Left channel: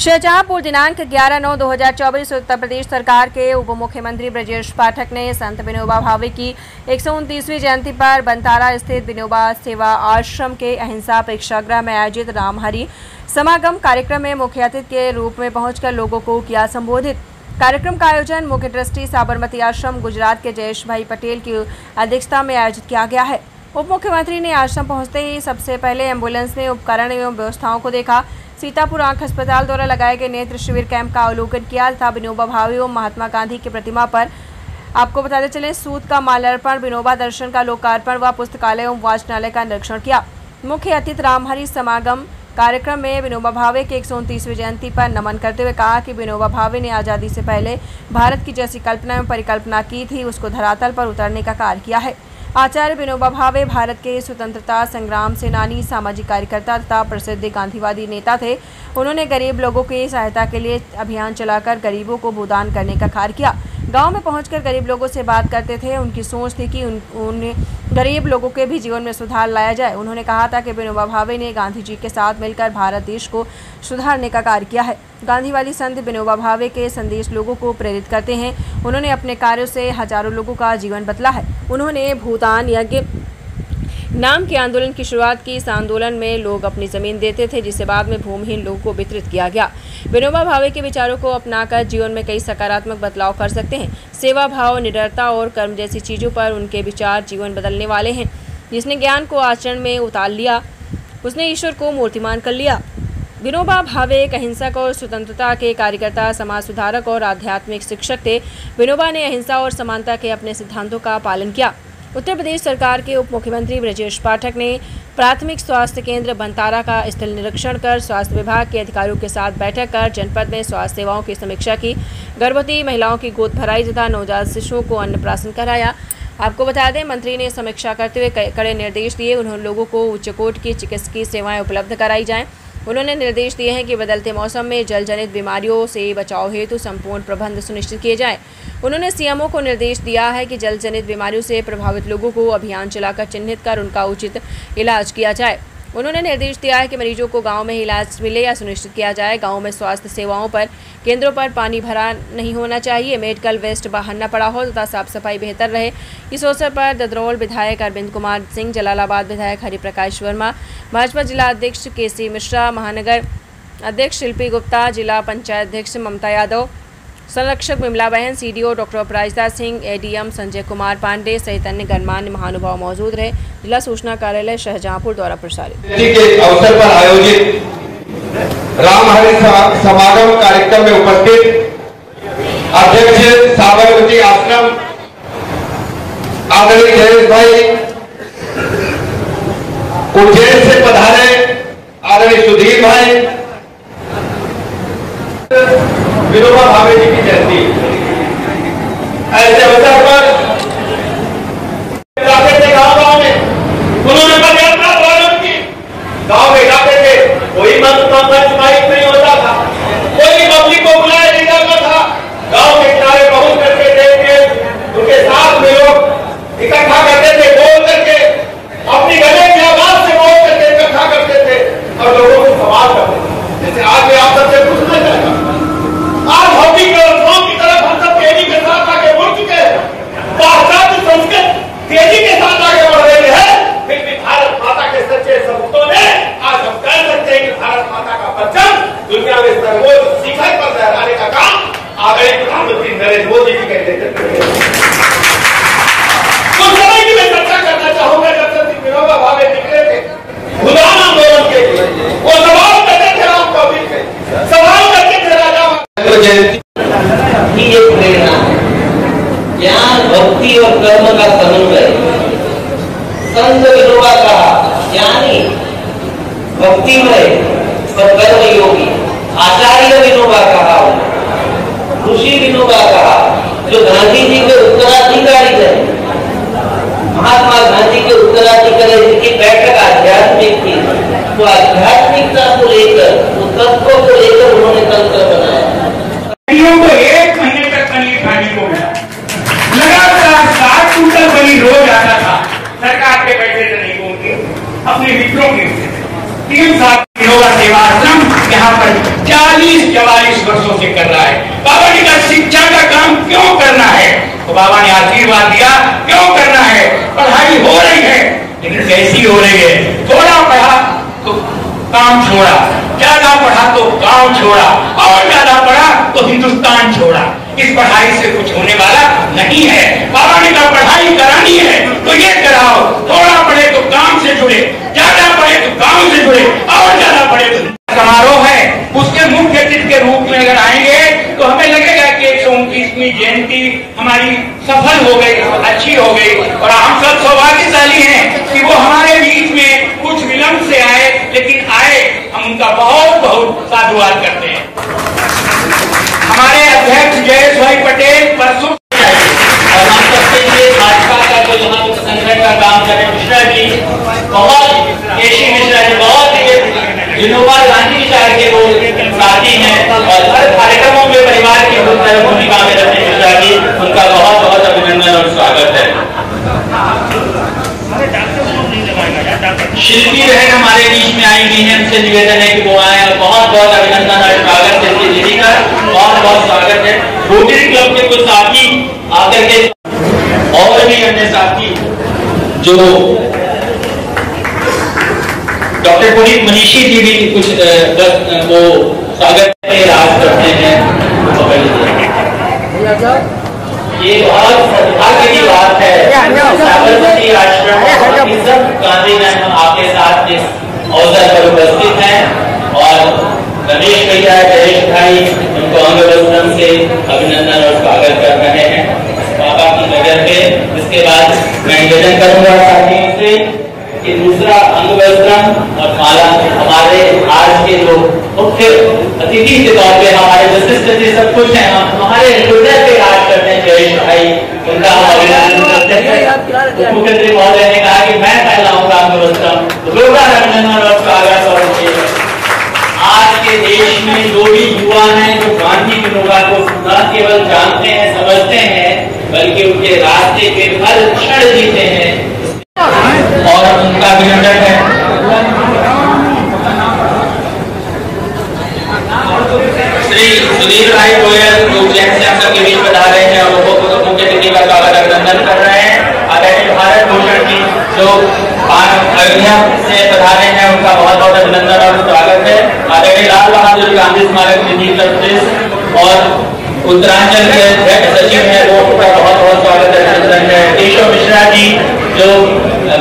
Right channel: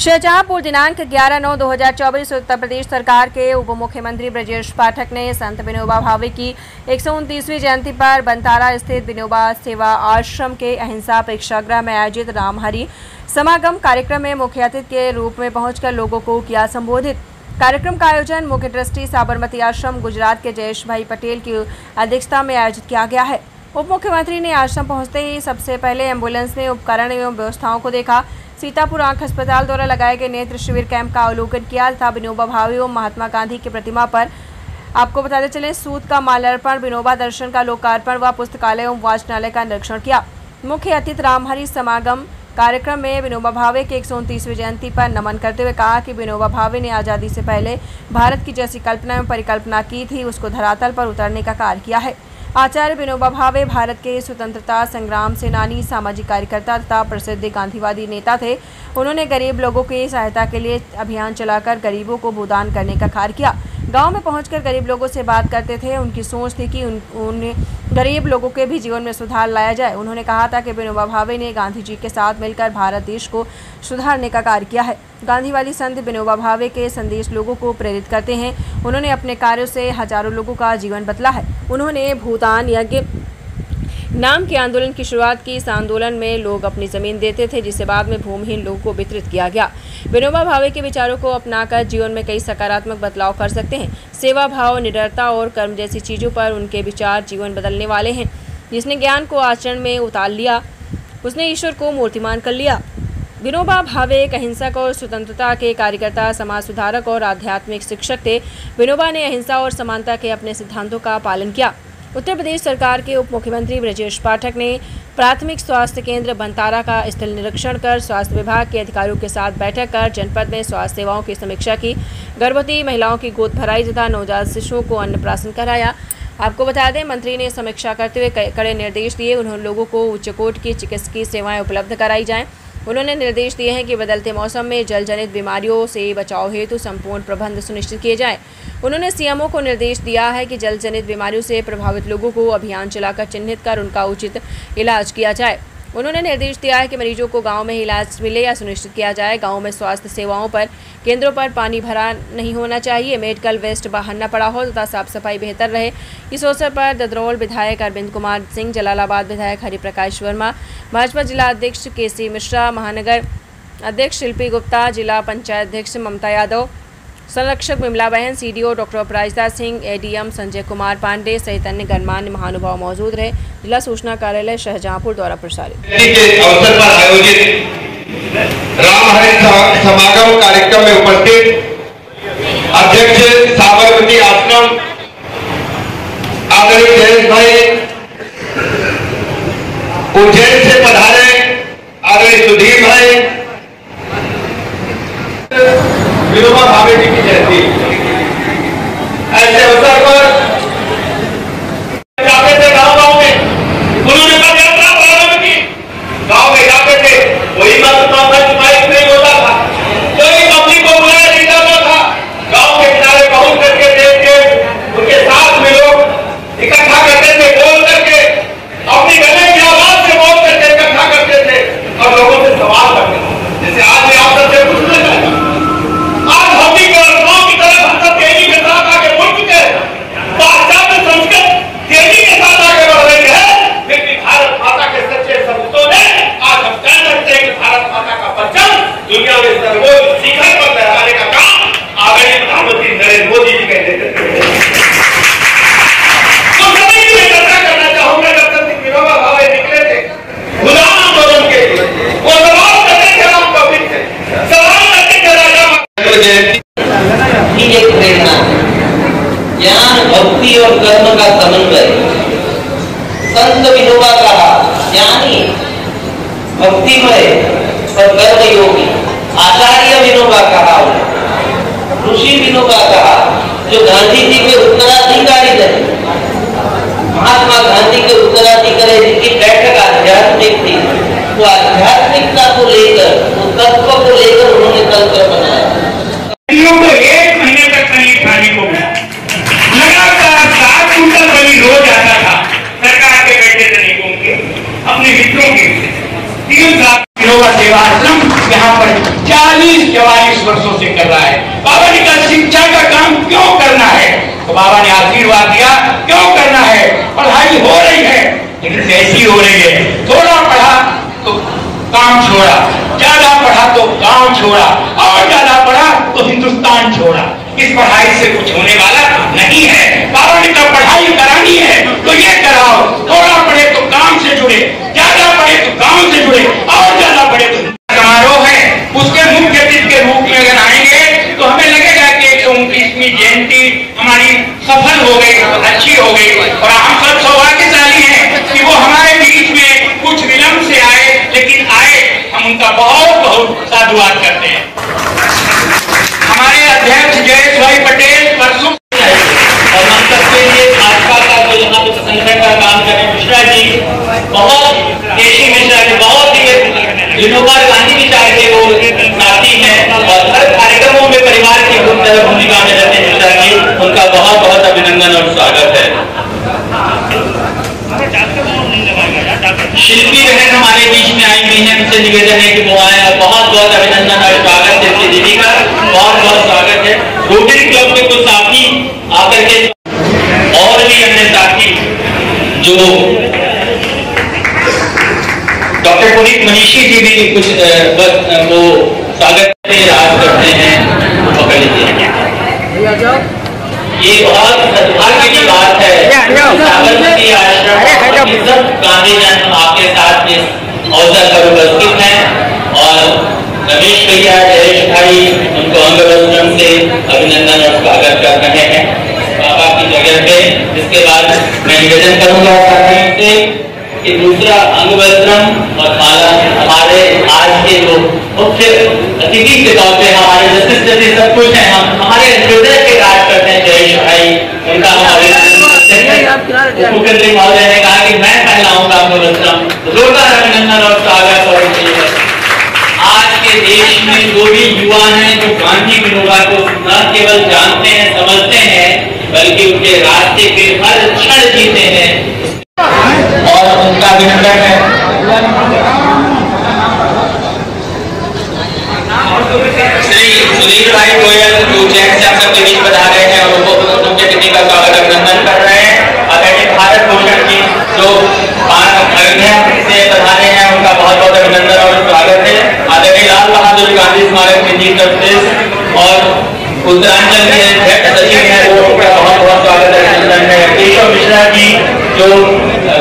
शाहजहांपुर दिनांक 11/9/2024 उत्तर प्रदेश सरकार के उप मुख्यमंत्री ब्रजेश पाठक ने संत विनोबा भावे की 129वीं जयंती पर बनतारा स्थित विनोबा सेवा आश्रम के अहिंसा प्रेक्षागृह में आयोजित रामहरि समागम कार्यक्रम में मुख्य अतिथि के रूप में पहुंचकर लोगों को किया संबोधित। कार्यक्रम का आयोजन मुख्य ट्रस्टी साबरमती आश्रम गुजरात के जयेश भाई पटेल की अध्यक्षता में आयोजित किया गया है। उप मुख्यमंत्री ने आश्रम पहुंचते ही सबसे पहले एम्बुलेंस में उपकरण एवं व्यवस्थाओं को देखा। सीतापुर आंख अस्पताल द्वारा लगाए गए नेत्र शिविर कैंप का अवलोकन किया तथा विनोबा भावे एवं महात्मा गांधी की प्रतिमा पर आपको बताते चले सूत का माल्यार्पण, विनोबा दर्शन का लोकार्पण व पुस्तकालय एवं वाचनालय का निरीक्षण किया। मुख्य अतिथि रामहरि समागम कार्यक्रम में विनोबा भावे के 129वीं जयंती पर नमन करते हुए कहा कि विनोबा भावे ने आज़ादी से पहले भारत की जैसी कल्पना एवं परिकल्पना की थी, उसको धरातल पर उतरने का कार्य किया है। आचार्य विनोबा भावे भारत के स्वतंत्रता संग्राम सेनानी, सामाजिक कार्यकर्ता तथा प्रसिद्ध गांधीवादी नेता थे। उन्होंने गरीब लोगों की सहायता के लिए अभियान चलाकर गरीबों को भूदान करने का कार्य किया। गांव में पहुंचकर गरीब लोगों से बात करते थे। उनकी सोच थी कि उन गरीब लोगों के भी जीवन में सुधार लाया जाए। उन्होंने कहा था कि विनोबा भावे ने गांधी जी के साथ मिलकर भारत देश को सुधारने का कार्य किया है। गांधीवादी संत विनोबा भावे के संदेश लोगों को प्रेरित करते हैं। उन्होंने अपने कार्यों से हजारों लोगों का जीवन बदला है। उन्होंने भूदान यज्ञ नाम के आंदोलन की शुरुआत की। इस आंदोलन में लोग अपनी जमीन देते थे, जिसे बाद में भूमिहीन लोगों को वितरित किया गया। विनोबा भावे के विचारों को अपनाकर जीवन में कई सकारात्मक बदलाव कर सकते हैं। सेवा भाव, निडरता और कर्म जैसी चीजों पर उनके विचार जीवन बदलने वाले हैं। जिसने ज्ञान को आचरण में उतार लिया, उसने ईश्वर को मूर्तिमान कर लिया। विनोबा भावे एक अहिंसक और स्वतंत्रता के कार्यकर्ता, समाज सुधारक और आध्यात्मिक शिक्षक थे। विनोबा ने अहिंसा और समानता के अपने सिद्धांतों का पालन किया। उत्तर प्रदेश सरकार के उप मुख्यमंत्री ब्रजेश पाठक ने प्राथमिक स्वास्थ्य केंद्र बनतारा का स्थल निरीक्षण कर स्वास्थ्य विभाग के अधिकारियों के साथ बैठक कर जनपद में स्वास्थ्य सेवाओं की समीक्षा की। गर्भवती महिलाओं की गोद भराई तथा नवजात शिशुओं को अन्नप्राशन कराया। आपको बता दें, मंत्री ने समीक्षा करते हुए कड़े निर्देश दिए। उन्होंने लोगों को उच्च कोटि की चिकित्सकीय सेवाएं उपलब्ध कराई जाएं। उन्होंने निर्देश दिए हैं कि बदलते मौसम में जल जनित बीमारियों से बचाव हेतु संपूर्ण प्रबंध सुनिश्चित किए जाएं। उन्होंने सीएमओ को निर्देश दिया है कि जल जनित बीमारियों से प्रभावित लोगों को अभियान चलाकर चिन्हित कर उनका उचित इलाज किया जाए। उन्होंने निर्देश दिया है कि मरीजों को गांव में ही इलाज मिले या सुनिश्चित किया जाए। गांव में स्वास्थ्य सेवाओं पर केंद्रों पर पानी भरा नहीं होना चाहिए, मेडिकल वेस्ट बाहर न पड़ा हो तथा साफ सफाई बेहतर रहे। इस अवसर पर ददरौल विधायक अरविंद कुमार सिंह, जलालाबाद विधायक हरिप्रकाश वर्मा, भाजपा जिला अध्यक्ष केसी मिश्रा, महानगर अध्यक्ष शिल्पी गुप्ता, जिला पंचायत अध्यक्ष ममता यादव, संरक्षक विमला बहन, सीडीओ डॉक्टर अपराजिता सिंह, एडीएम संजय कुमार पांडे सहित अन्य गणमान्य महानुभाव मौजूद रहे। जिला सूचना कार्यालय शाहजहांपुर द्वारा प्रसारित अवसर पर आयोजित रामहरि समागम कार्यक्रम में उपस्थित अध्यक्ष साबरमती आश्रम आदरणीय जयेश भाई, उज्जैन से पधारे आदरणीय सुधीर भाई, विनोबा भावे जी की जयंती ऐसे अवसर पर जाते थे गाँव में, उन्होंने पदयात्रा प्रारंभ की। गाँव में जाते थे, कोई मंच माइक नहीं होता था, कोई पब्लिक को बुलाया नहीं जाता था। गाँव के किनारे पहुंच करके देख के उनके साथ में लोग इकट्ठा करते थे, बोल करके अपनी गले की आवाज से बोल करके इकट्ठा करते थे और लोगों से सवाल करते थे। जैसे आज आप सबसे पूछना चाहते, आज होती के और गाँव की तरफ हम सब तेजी के साथ आगे बढ़ चुके हैं। पाश्चात्य संस्कृत तेजी के साथ आगे बढ़ रही है, लेकिन भारत माता के सच्चे सपूतों ने आज हम कह सकते हैं कि भारत माता का परचम दुनिया में सर्वोच्च शिखर पर लहराने का काम आदरणीय प्रधानमंत्री नरेंद्र मोदी जी के नेतृत्व में। कुछ समय की मैं चर्चा करना चाहूंगा। जब तक विनोबा भावे निकले थे भूदान आंदोलन के लिए, वो सवाल करते थे राम कबीर से, सवाल करते थे राजा एक प्रेरणा ज्ञान, भक्ति और कर्म का समन्वय। संत विनोबा कहा ज्ञानी, भक्तिमय और कर्म योगी। आचार्य विनोबा कहा, ऋषि विनोबा कहा, जो गांधी जी के उत्तराधिकारी थे। महात्मा गांधी के उत्तराधिकारी जिनकी बैठक आध्यात्मिक थी, तो आध्यात्मिकता को लेकर, उस तत्व को लेकर उन्होंने तंत्र बनाया। को 1 महीने तक पनीर खाने को मिला, लगातार 60 क्विंटल पनीर रोज आता था। सरकार के बैठे तरीकों के अपने मित्रों के 3 साल विनोबा सेवा आश्रम यहाँ पर 40 43-44 वर्षों से कर रहा है। बाबा ने कहा शिक्षा का काम क्यों करना है, तो बाबा ने आशीर्वाद दिया क्यों करना है, पढ़ाई हो रही है लेकिन कैसी हो रही है, थोड़ा पढ़ा तो काम छोड़ा, ज्यादा पढ़ा तो गांव छोड़ा, और ज्यादा पढ़ा तो हिंदुस्तान छोड़ा। इस पढ़ाई से कुछ होने वाला नहीं है। बाबा ने कहा पढ़ाई करानी है तो ये कराओ, थोड़ा पढ़े तो काम से जुड़े, ज्यादा पढ़े तो गांव से जुड़े, और ज्यादा पढ़े तो समारोह है उसके मुख्य अतिथि के रूप में अगर आएंगे तो हमें लगेगा कि 129वीं जयंती हमारी सफल हो गई, अच्छी हो गई, और हम सब सौभाग्यशाली हैं कि वो हमारे बीच में कुछ विलंब से आए, लेकिन आए, हम उनका बहुत बहुत साधुवाद करते हैं। हमारे अध्यक्ष जयेश भाई पटेल परसों, और हम सबके लिए भाजपा का जो यहाँ पे संगठन का काम कर रहे हैं मिश्रा जी, बहुत केशी मिश्रा जी, बहुत ही विनोबा गांधी विचार के वो साथी हैं, और हर कार्यक्रमों में परिवार की भूमिका में रहते हैं मिश्रा जी, उनका बहुत बहुत अभिनंदन और स्वागत है। शिल्पी बहन हमारे बीच में आई हुई है, उनसे निवेदन है कि वो आए, और बहुत बहुत अभिनंदन और स्वागत है उनकी दीदी का, बहुत बहुत स्वागत है। रोटरी क्लब के कुछ साथी आकर के, और भी अन्य साथी जो डॉक्टर पुनीत मनीषी जी भी कुछ वो स्वागत राज करते हैं, पकड़ लीजिए। ये बहुत सद्भाग्य की बात है, साबरमती आश्रम इज्जत गांधी जन आपके साथ इस अवसर पर उपस्थित हैं, और रमेश भैया, जयेश भाई उनको अंग वस्त्रम से अभिनंदन और स्वागत कर रहे हैं बाबा की जगह पे। इसके बाद मैं निवेदन करूंगा साथियों से कि दूसरा अंग वस्त्रम और माला हमारे आज के जो मुख्य अतिथि के तौर पे हमारे जस्टिस सब कुछ है, हम हमारे हृदय पे राज करते हैं जयेश भाई, उनका हम अभिनंदन करते हैं। मुख्यमंत्री महोदय ने कहा कि मैं पहनाऊंगा अंग वस्त्रम, जोरदार अभिनंदन और स्वागत। और आज के देश में जो भी युवा हैं जो गांधी विनोबा को न केवल जानते हैं, समझते हैं, बल्कि उनके रास्ते पे हर क्षण जीते हैं, और उनका अभिनंदन है। श्री सुधीर भाई गोयल जो उज्जैन से हम सबके बीच बता रहे हैं, और वो उनके दीदी का स्वागत अभिनंदन कर रहे हैं। आदरणीय भारत भूषण जी जो अयोध्या से बता रहे हैं, उनका बहुत बहुत अभिनंदन और स्वागत है। आदरणीय लाल बहादुर गांधी स्मारक निधि ट्रस्ट और उत्तरांचल के अध्यक्ष सचिव हैं, वो उनका बहुत बहुत स्वागत अभिनंदन है। केशव मिश्रा जी जो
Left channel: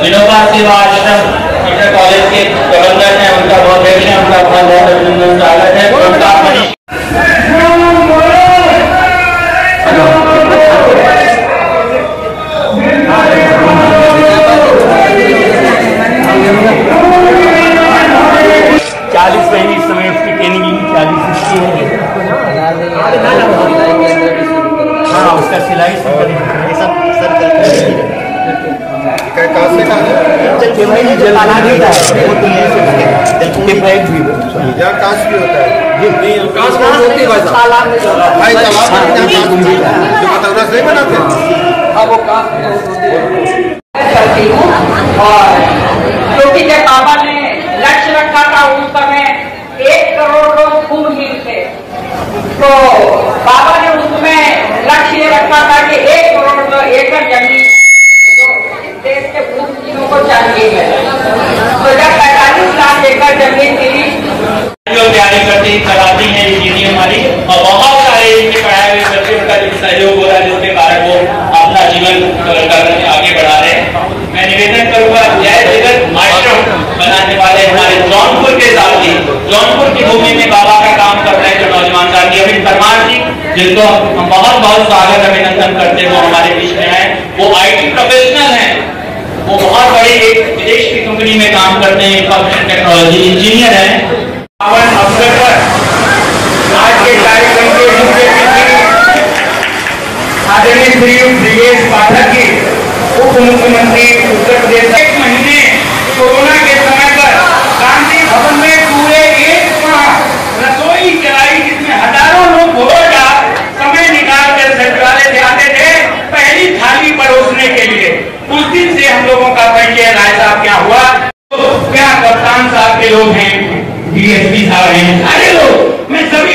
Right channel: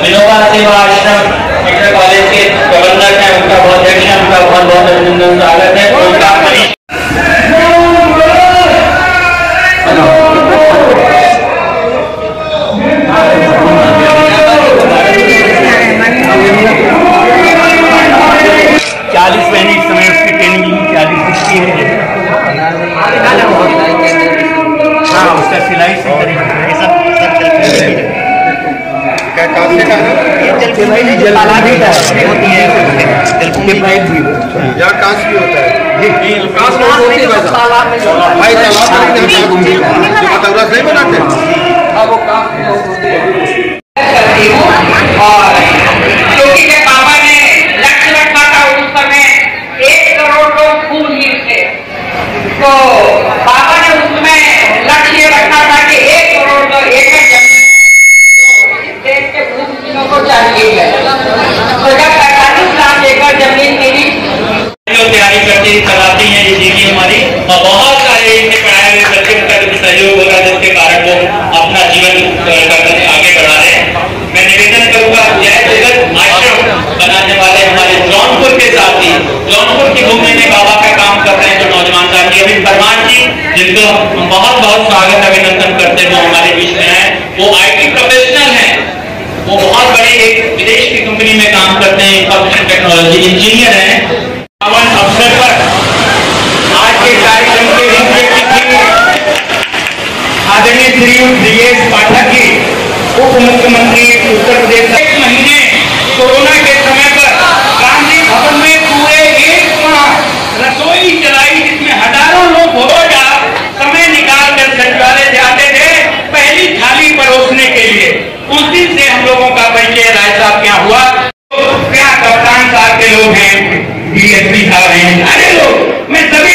विनोबा सेवा आश्रम इंटर कॉलेज के प्रबंधक हैं, उनका बहुत अध्यक्ष है, उनका बहुत बहुत अभिनंदन स्वागत है। उनका मिनट समय उसकी ट्रेनिंग 40 है। हाँ, उसका सिलाई से करती हूँ। और क्योंकि जब बाबा ने लक्ष्य रखा था उस समय 1 करोड़ लोग खून हीर थे, तो बाबा ने उसमें लक्ष्य रखा था कि 1 करोड़ एकड़ जमीन देश के भूमिहीनों को चाहिए है। तो जब 45 लाख एकड़ जमीन मिली, तैयारी करते कराती हैं ये दीदी हमारी, और बहुत सारे इनके पढ़ाए हुए बच्चों का भी सहयोग हो रहा है, जिसके कारण वो अपना जीवन आगे बढ़ा रहे हैं। मैं निवेदन करूंगा जय जगत आश्रम बनाने वाले हमारे जौनपुर के साथी, जौनपुर की भूमि में बाबा का काम कर रहे हैं जो नौजवान साथी अमित परमार जी, जिनको हम बहुत बहुत स्वागत अभिनंदन करते हैं, वो हमारे बीच में है। वो IT प्रोफेशनल है, वो बहुत बड़ी एक विदेश की कंपनी में काम करते हैं, इंफॉर्मेशन टेक्नोलॉजी इंजीनियर है। अवसर पर आज के कार्यक्रम के मुख्य अतिथि आदरणीय श्री ब्रिजेश पाठक जी, उप मुख्यमंत्री उत्तर प्रदेश। 1 महीने कोरोना के समय पर गांधी भवन में पूरे 1 माह रसोई चलाई, जिसमें हजारों लोग रोजा समय निकाल कर सचिवालय से आते थे पहली थाली परोसने के लिए। उस दिन से हम लोगों का परिचय राय साहब क्या हुआ, तो क्या कप्तान साहब के लोग हैं, DSP साहब हैं, सारे लोग, मैं सभी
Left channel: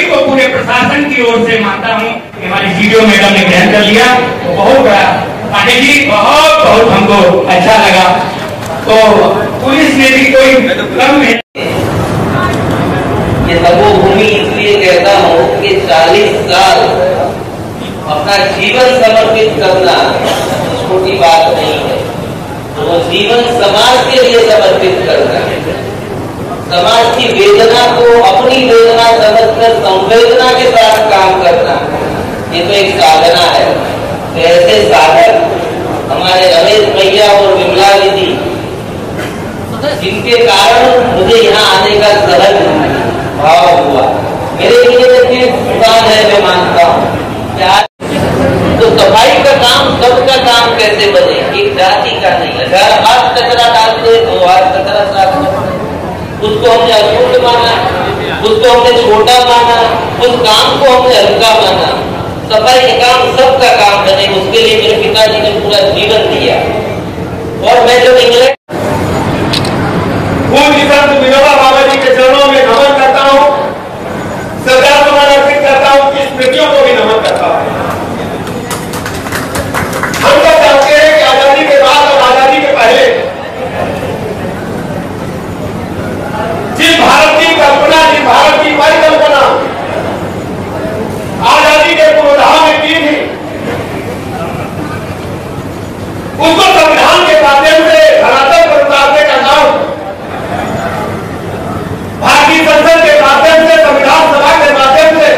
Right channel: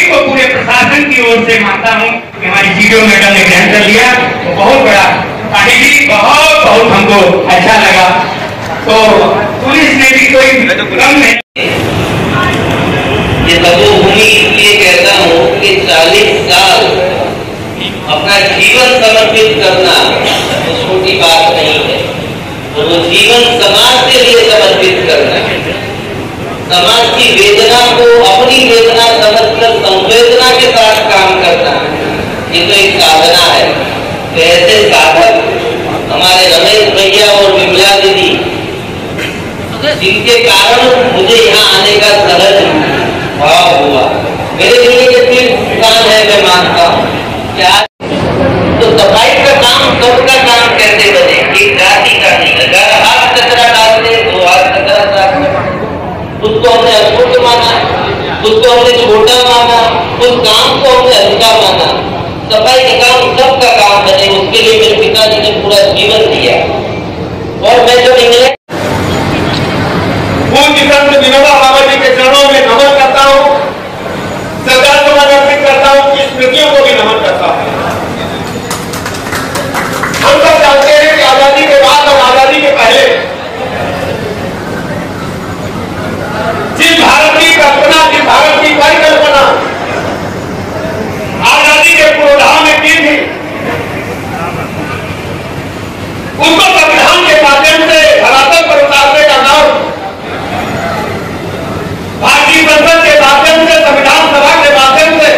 मानता हूँ कि हमारी जीडीओ मैडम ने ग्रहण कर लिया, तो बहुत बड़ा पानी भी बहुत हमको अच्छा लगा। तो पुलिस ने भी कोई कम नहीं। ये तपोभूमि इसलिए कहता हूँ कि 40 साल अपना जीवन समर्पित करना छोटी बात नहीं है। तो वो जीवन समाज के लिए समर्पित करना, समाज की वेदना को अपनी वेदना समझकर संवेदना के साथ काम करना, ये तो एक साधना है। तो ऐसे साधक हमारे रमेश भैया और विमला दीदी, जिनके कारण मुझे यहाँ आने का सहज भाव हुआ। मेरे लिए ये तीर्थ स्थान है, मैं मानता हूँ। तो सफाई का काम सबका काम कैसे बने, एक जाति का नहीं। अगर हाथ कचरा डालते तो हाथ कचरा साफ करते, उसको हमने अशुद्ध माना, उसको हमने छोटा माना, उस काम को हमने हल्का माना। सफाई के काम सबका काम बने, उसके लिए मेरे पिताजी ने पूरा जीवन दिया। और मैं जब इंग्लैंड संत विनोबा भावे जी के चरणों में नमन करता हूँ, श्रद्धांजलि अर्पित करता हूँ, की स्मृतियों को भी नमन करता हूँ। हम सब जानते हैं कि आजादी के बाद और आजादी के पहले जिस भारत की कल्पना, जिस भारत की परिकल्पना आजादी के पूर्वाधार में की थी, उसको संविधान के माध्यम से धरातल पर उतारने का नाम भारतीय संसद के माध्यम से, संविधान सभा के माध्यम से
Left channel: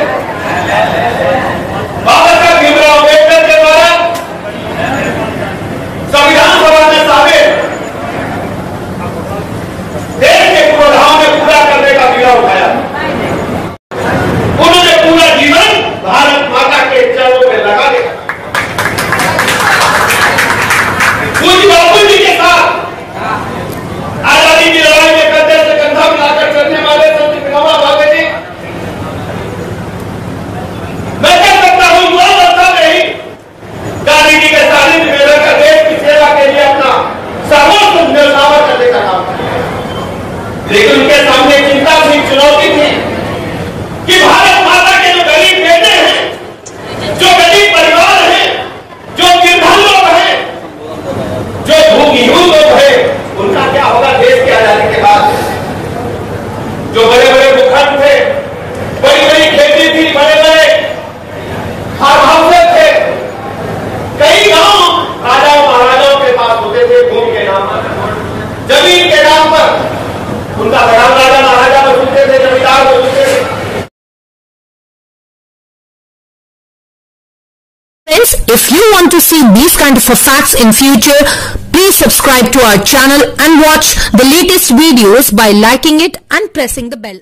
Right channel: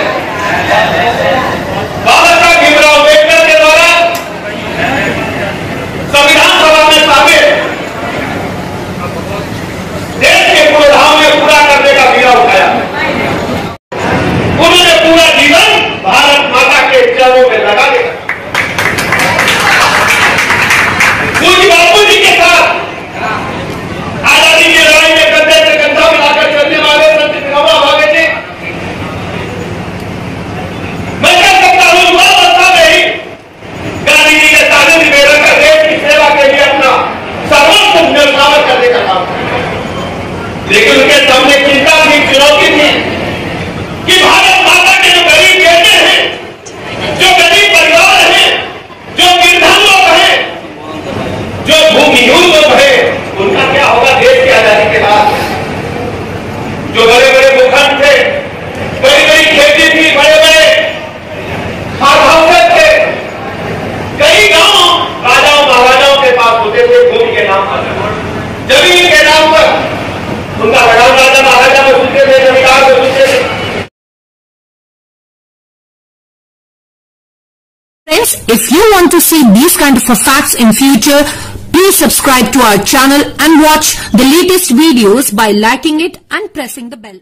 बाबा साहब भीमराव अम्बेडकर के द्वारा संविधान सभा में शामिल देश के पूर्वाधार में पूरा करने का बीड़ा उठाया। उन्होंने पूरा जीवन भारत माता के चरणों में लगा दिया। पूज्य बापू जी के साथ आजादी की लड़ाई में कंधे से कंधा मिलाकर चलने वाले संत विनोबा भावे जी, मैं कह सकता हूं युवा अवस्था में ही गांधी जी के 40 निवेदन का देश की सेवा के लिए अपना सर्वोच्च न्यौछावर करने का काम किया। लेकिन उनके सामने चिंता थी, चुनौती थी कि भारत माता के जो गरीब बेटे हैं, जो गरीब परिवार हैं, जो निर्धन लोग हैं, जो भूमिहीन लोग हैं, उनका क्या होगा देश की आजादी के बाद। जो बड़े बड़े भूखंड थे, बड़ी बड़ी खेती थी, बड़े बड़े फार्म हाउसेस थे, कई गांव राजाओं महाराजाओं के पास होते थे, भूमि के नाम पर, जमीन के नाम पर उनका लगाव राजा महाराजा में सुनते थे, जमींदार में सुनते थे। Friends, if you want to see these kind of facts in future, please subscribe to our channel and watch the latest videos by liking it and pressing the bell.